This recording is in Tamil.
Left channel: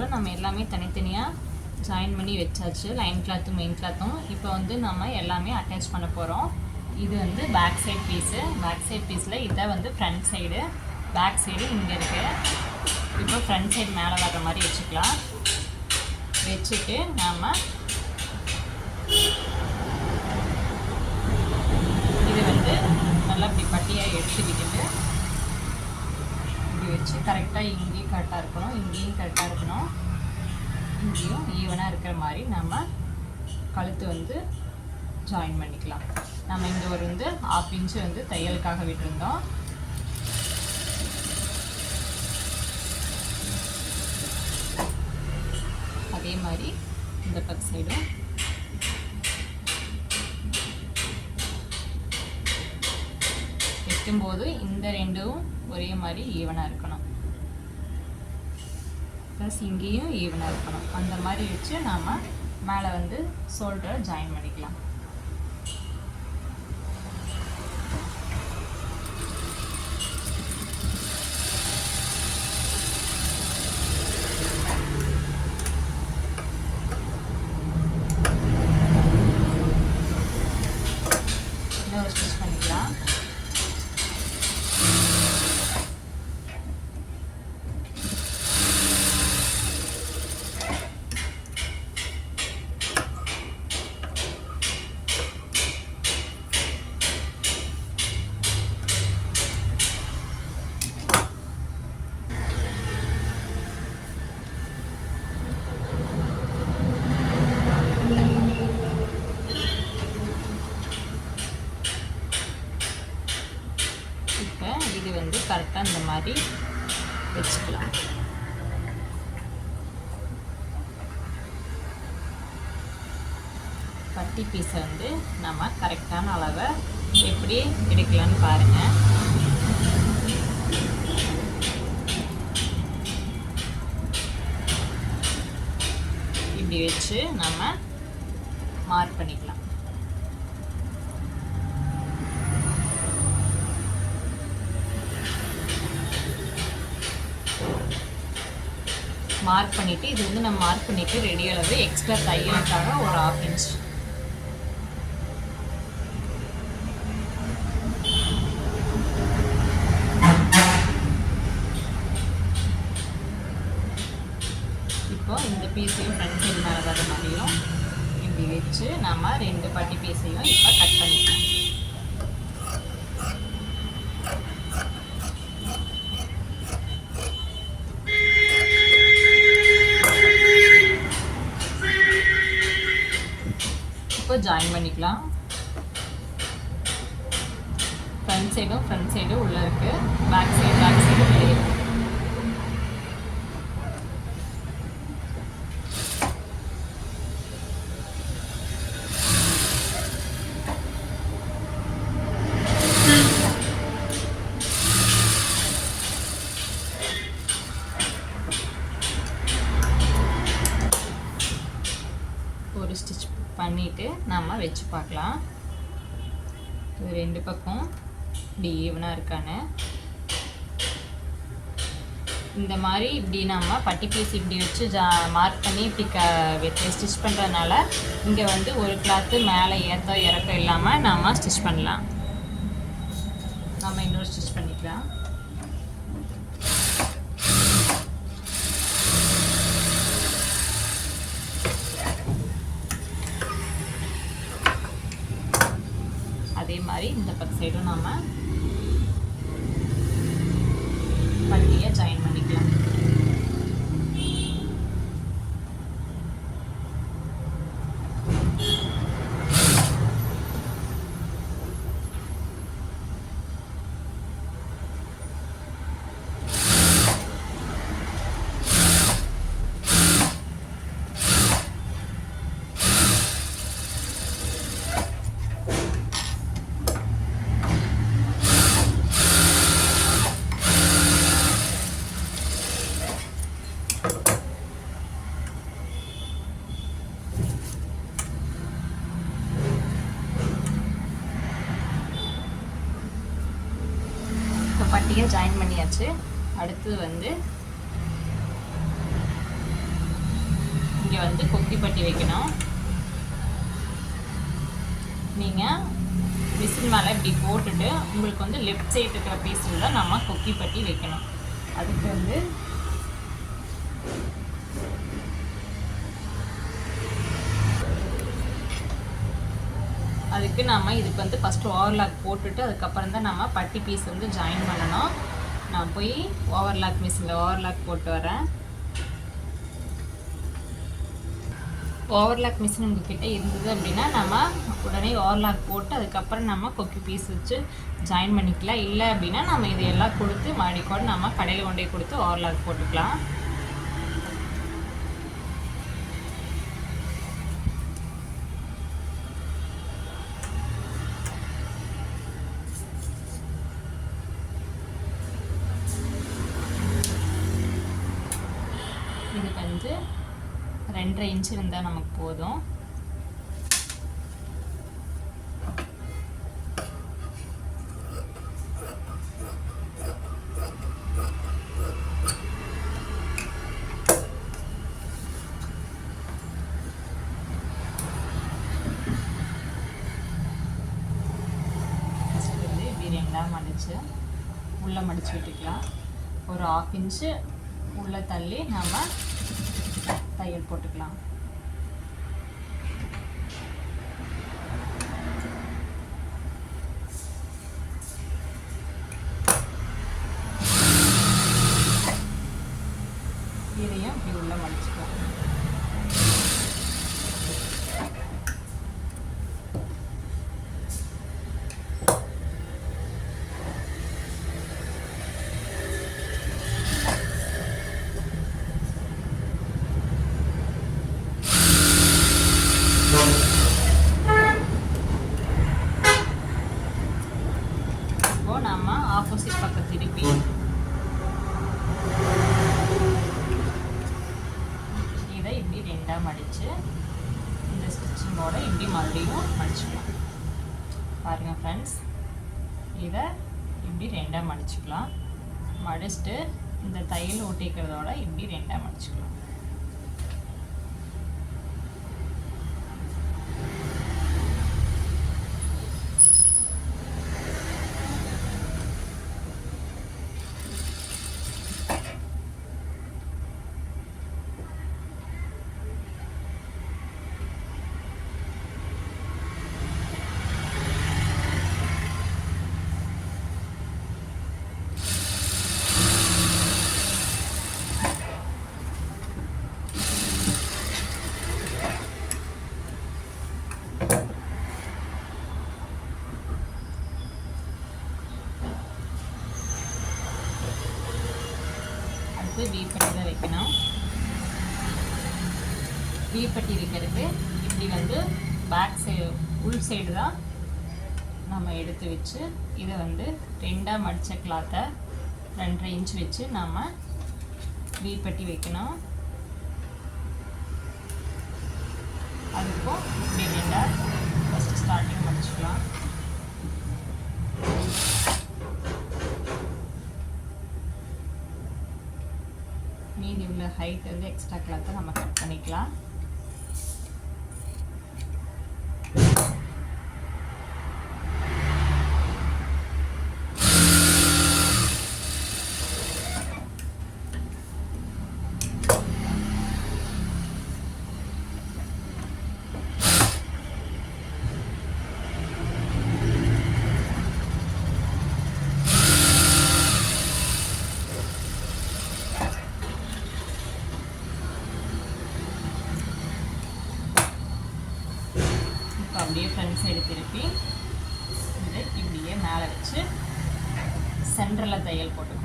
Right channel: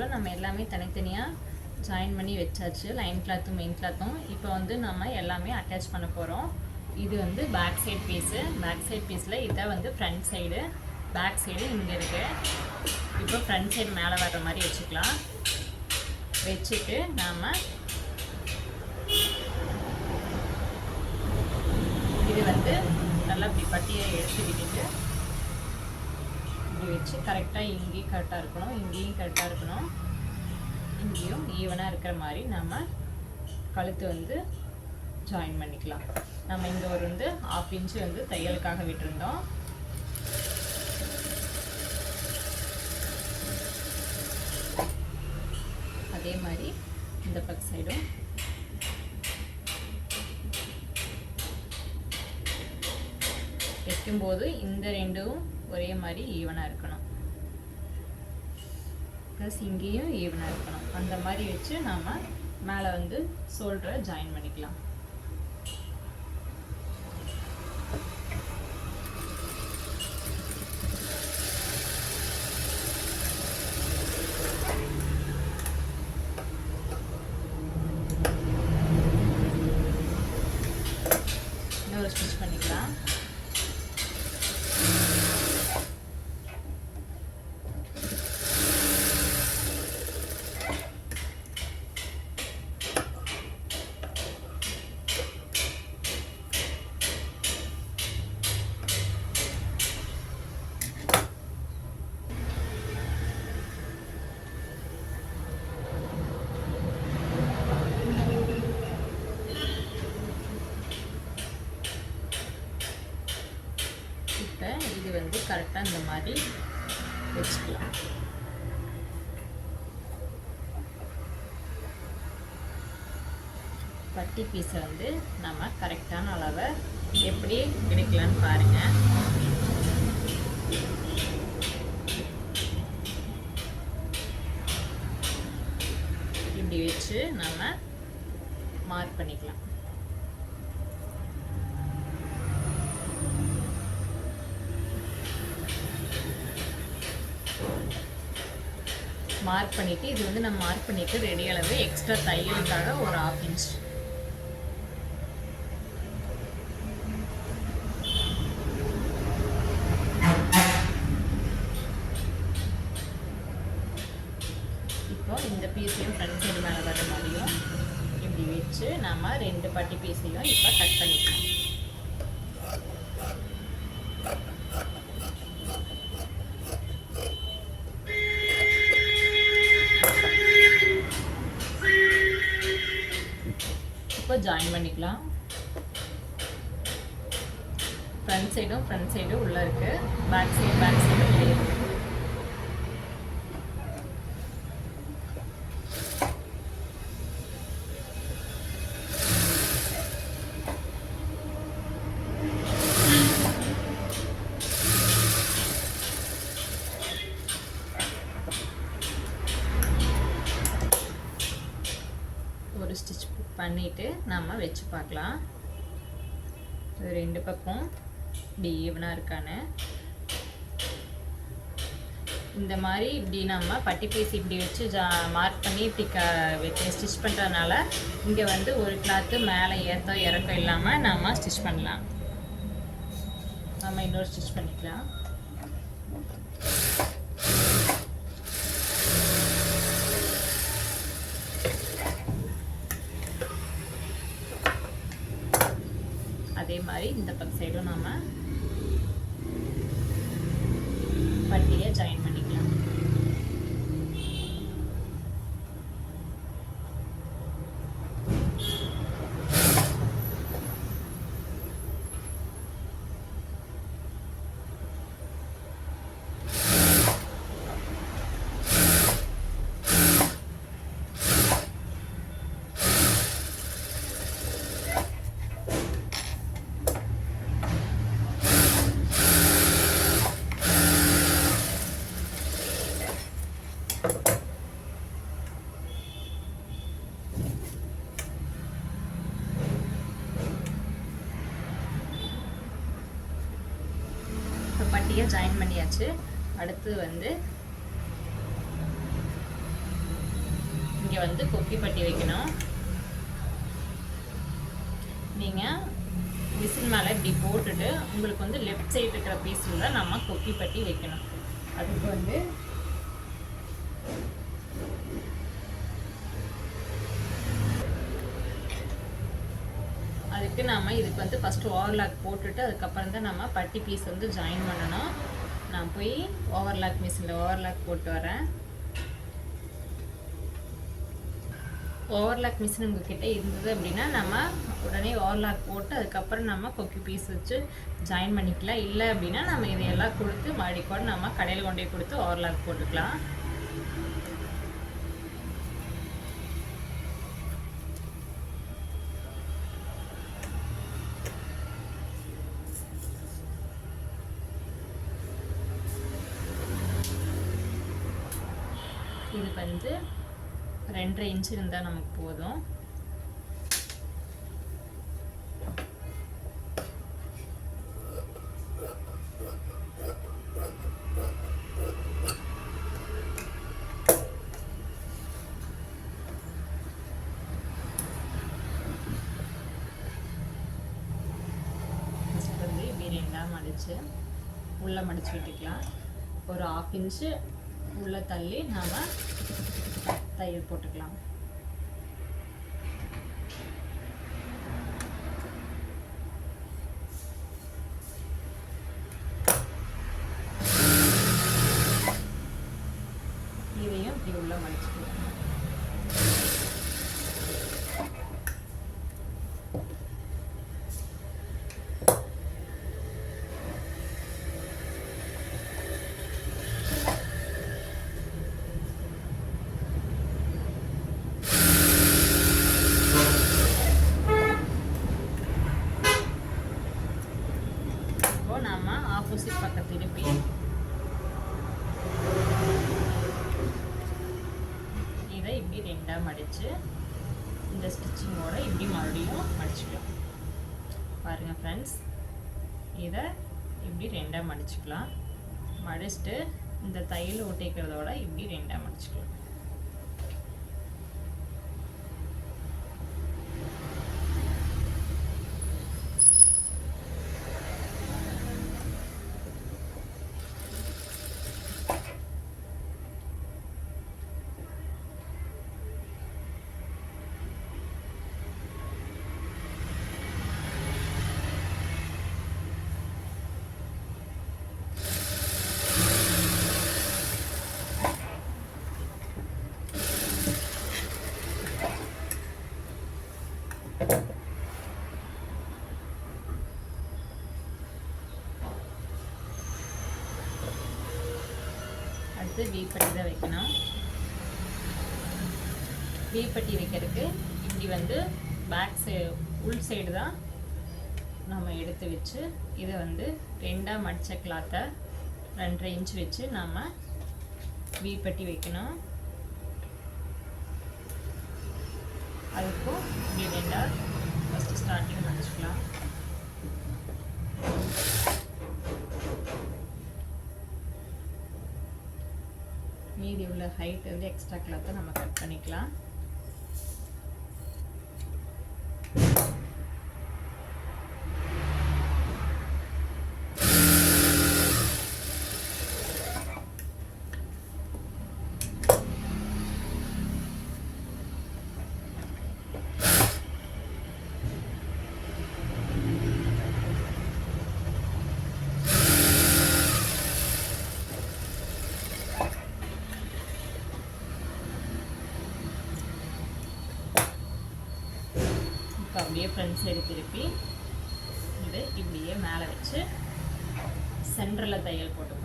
பொறுத்தவரை நம்ம எல்லாமே தனித்தனியாக ஜாயின் பண்ணி வச்சாச்சு. லைன் கிளாத்தும் மெயின் கிளாத்தும். இப்போ வந்து நம்ம எல்லாமே அட்டாச் பண்ண போகிறோம். இது வந்து back side piece. Back side பீஸில் இதை வந்து ஃப்ரண்ட் சைடு, பேக் சைடு இங்கே இருக்குது. இப்போ ஃப்ரண்ட் சைடு மேலே வர்ற மாதிரி வச்சுக்கலாம். வச்சுட்டு நாம் இது வந்து நல்லா இப்படி பட்டியாக எடுத்துக்கிட்டு இப்படி வச்சு கரெக்டாக இங்கேயும் கரெக்டாக இருக்கணும், இங்கேயும் கரெக்டாக இருக்கணும், இங்கேயும் ஈவனாக இருக்கிற மாதிரி நம்ம கழுத்து வந்து ஜாயின் பண்ணிக்கலாம். நம்ம இந்த ஒரு வந்து 1/2 இன்ச்சு வந்து தையலுக்காக விட்டுருந்தோம். அதே மாதிரி இந்த பக்க சைடும் வைக்கும்போது இந்த ரெண்டும் ஒரே மாதிரி ஈவனாக இருக்கணும், ப்ளஸ் இங்கேயும் ஈவனாக இருக்கணும். அந்த மாதிரி வச்சு நாம் மேலே வந்து ஷோல்டரை ஜாயின் பண்ணிக்கலாம். இன்னொரு ஸ்டிச் பண்ணிக்கலாம். இது வந்து கரெக்டாக இந்த மாதிரி வச்சுக்கலாம். பட்டி பீஸை வந்து நம்ம கரெக்டான அளவை எப்படி எடுக்கலான்னு பாருங்கள். இப்படி வச்சு நம்ம மார்க் பண்ணிக்கலாம். மார்க் பண்ணிவிட்டு இது வந்து நம்ம மார்க் பண்ணிவிட்டு ரெடி அளவு எக்ஸ்ட்ரா தையலுக்காக ஒரு 1/2 இன்ச். இப்போ இந்த பீஸையும் ஃப்ரண்ட் சைடு மேலே வர மாதிரியும் இப்படி வச்சு நம்ம 2 பட்டி பீஸையும் இப்போ கட் பண்ணிக்கலாம். ஜாயின் பண்ணிக்கலாம். ஃப்ரண்ட் சைடு உள்ள இருக்கு, பேக் சைடு வெளியே. ஒரு ஸ்டிச் பண்ணிட்டு நம்ம வச்சு பார்க்கலாம். இது 2 பக்கம் இப்படி ஈவனாக இருக்கான்னு. இந்த மாதிரி இப்படி நம்ம பட்டி பீஸ் இப்படி வச்சு மார்க் பண்ணி இப்படி ஸ்டிச் பண்ணுறதுனால இங்கே வந்து ஒரு கிளாத்து மேலே ஏற்ற இறக்கம் இல்லாமல் நம்ம ஸ்டிச் பண்ணலாம். நம்ம இன்னொரு ஸ்டிச் பண்ணிக்கலாம். இந்த பக்க சைடும் நாம பட்டியை ஜாயின் பண்ணிக்கலாம். பட்டியை ஜாயின் பண்ணியாச்சு. அடுத்து வந்து இங்கே வந்து கொக்கி பட்டி வைக்கணும். நீங்கள் மிஷின் மேலே இப்படி போட்டுட்டு உங்களுக்கு வந்து லெஃப்ட் சைடு இருக்கிற பீஸில் தான் நம்ம கொக்கி பட்டி வைக்கணும். அதுக்கு வந்து நம்ம இதுக்கு வந்து ஃபஸ்ட்டு ஓவர்லாக் போட்டுட்டு அதுக்கப்புறம் தான் நம்ம பட்டி பீஸ் வந்து ஜாயின் பண்ணணும். நான் போய் ஓவர்லாக் மிஷினில் ஓவர்லாக் போட்டு வரேன். ஓவர்லாக் மிஷின் உங்ககிட்ட இருந்தது அப்படின்னா நம்ம உடனே ஓவர்லாக் போட்டு அதுக்கப்புறம் நம்ம கொக்கி பீஸ் வச்சு ஜாயின் பண்ணிக்கலாம். இல்லை அப்படின்னா நம்ம இதையெல்லாம் கொடுத்து மறுபடியும் நம்ம கடையில் கொண்டு போய் கொடுத்து ஓவர்லாக் போட்டுக்கலாம். இது வந்து 2.5 இன்ச் இருந்தால் நமக்கு போதும். ஃபஸ்ட்டு வந்து இப்படி 2ஆக மடித்து உள்ளே மடித்து விட்டுக்கலாம். ஒரு 1/2 இன்ச்சு உள்ளே தள்ளி நம்ம தையல் போட்டுக்கலாம். இதையும் இப்படி உள்ள மடிச்சுக்கலாம். ஆப்போசிட் பக்கம் திருப்பி இதை இப்படி 2ஆக மடித்து இந்த ஸ்டிச்சிங்கோட இப்படி மறுபடியும் மடிச்சுக்கலாம். பாருங்கள் ஃப்ரெண்ட்ஸ், இதை இப்படி 2ஆக மடிச்சுக்கலாம். மடிச்சுட்டு இந்த தையல் ஒட்டிக்கிறதோட இப்படி 2ஆக மடிச்சுக்கலாம். வீப்பட்டி தான் வைக்கணும். வீப்பட்டி வைக்கிறதுக்கு இப்படி வந்து பேக் சைடு உள் சைடு தான் நம்ம எடுத்து வச்சு இதை வந்து 2ஆக மடித்த கிளாத்தை 2.5 இன்ச் வச்சு நம்ம வீப்பட்டி வைக்கணும். அதுக்கும் இப்படி 2ஆக ஃபஸ்ட்டு ஸ்டார்டிங் மடிச்சுக்கலாம். மீதி உள்ள ஹைட் வந்து எக்ஸ்ட்ரா கிளாத்தை நம்ம கட் பண்ணிக்கலாம். அப்படியே ஃப்ரண்ட் சைடு திருப்பி இதை இப்படியே மேலே வச்சு சென்டரில் தையல் போட்டு